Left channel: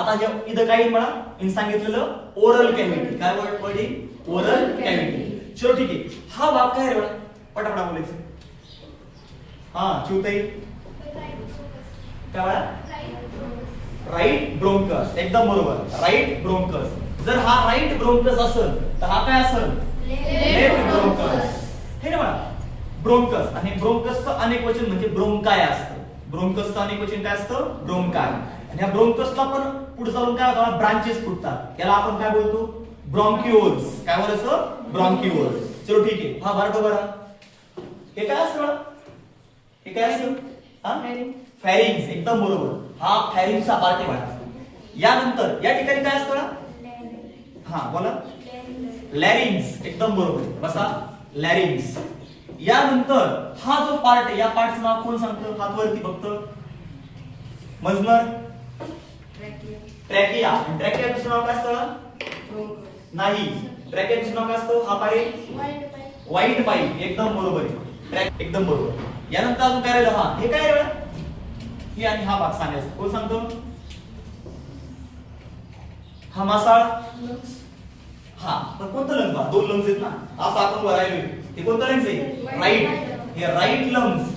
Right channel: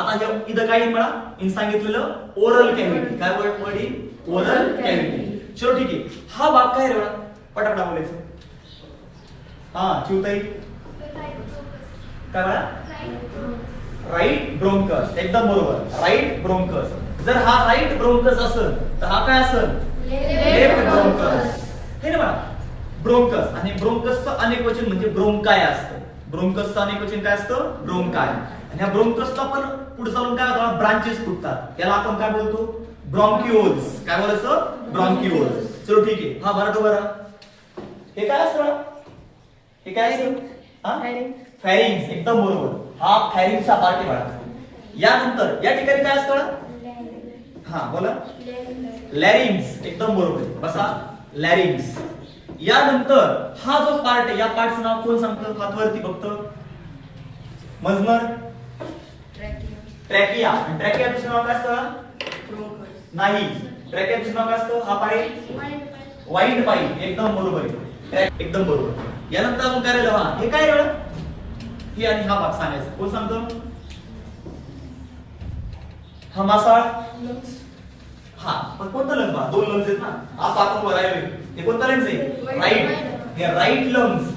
आता इथं काय येईल म्हणा इन सांगितलेलं ओरल कॅव्हिटी. काय वर्ड येईल ओरल कॅव्हिटी. चलो ठीक आहे. हा भाग काय रे बघा पटापटा बोलायचं. हा चिवताई काय बघा राईट ब्रोंकस. एकदम बरोबर राईट ब्रोंकस. जर हा राईट ब्रोंकस असेल तर हा काय असेल लेफ्ट ब्रोंकस. हे ना बघा ब्रोंकस. आणि ब्रोंकसचं अनेक वचन म्हणजे ब्रोंकाय असतं. ब्रोंकसचं अनेक वचन काय असतं ब्रोंकाय. आणि ह्या ब्रोंकसला पण पुढे चालून काय होतं ब्रांचेस फुटतात. याला आपण काय बोलतो ब्रॉन्क्युल्स. काय बोलायचं ब्रॉन्क्युल्स. चलो ठीक आहे. हा बरं बरं हे काय असतं हे काय असतं हा फॅरिंग्स. एकदम बरोबर. हा फॅरिंगचा पार्ट आहे बघा. यानंतर या ठिकाणी काय असतं हा बोला लॅरिंग्स. एकदम बरोबर बसा लॅरिंग्स. यानंतर हा जो पार्ट आहे या पार्टचं नाव कोण सांगतं हातवरती फक्त मजनर ट्रॅकिया. ट्रॅकिया दुसरं नाव काय असतं नाही ट्रॅकियाचं नाव काय असतं हा पाईप वाईट पाईप. एकदम बरोबर आहे एकदम बरोबर. यानंतर अजून काय राहिलं हा हे काय राहिलं ही आणि हा भाग सांगायचा. कोण सांगतो हा मासाळ. हा पण कोणतं लंग्स दोन लंग्स आहेत ना असं आपण बघायला. हे कोणतं लंग्स आहे राईट. हे राईट लंग्स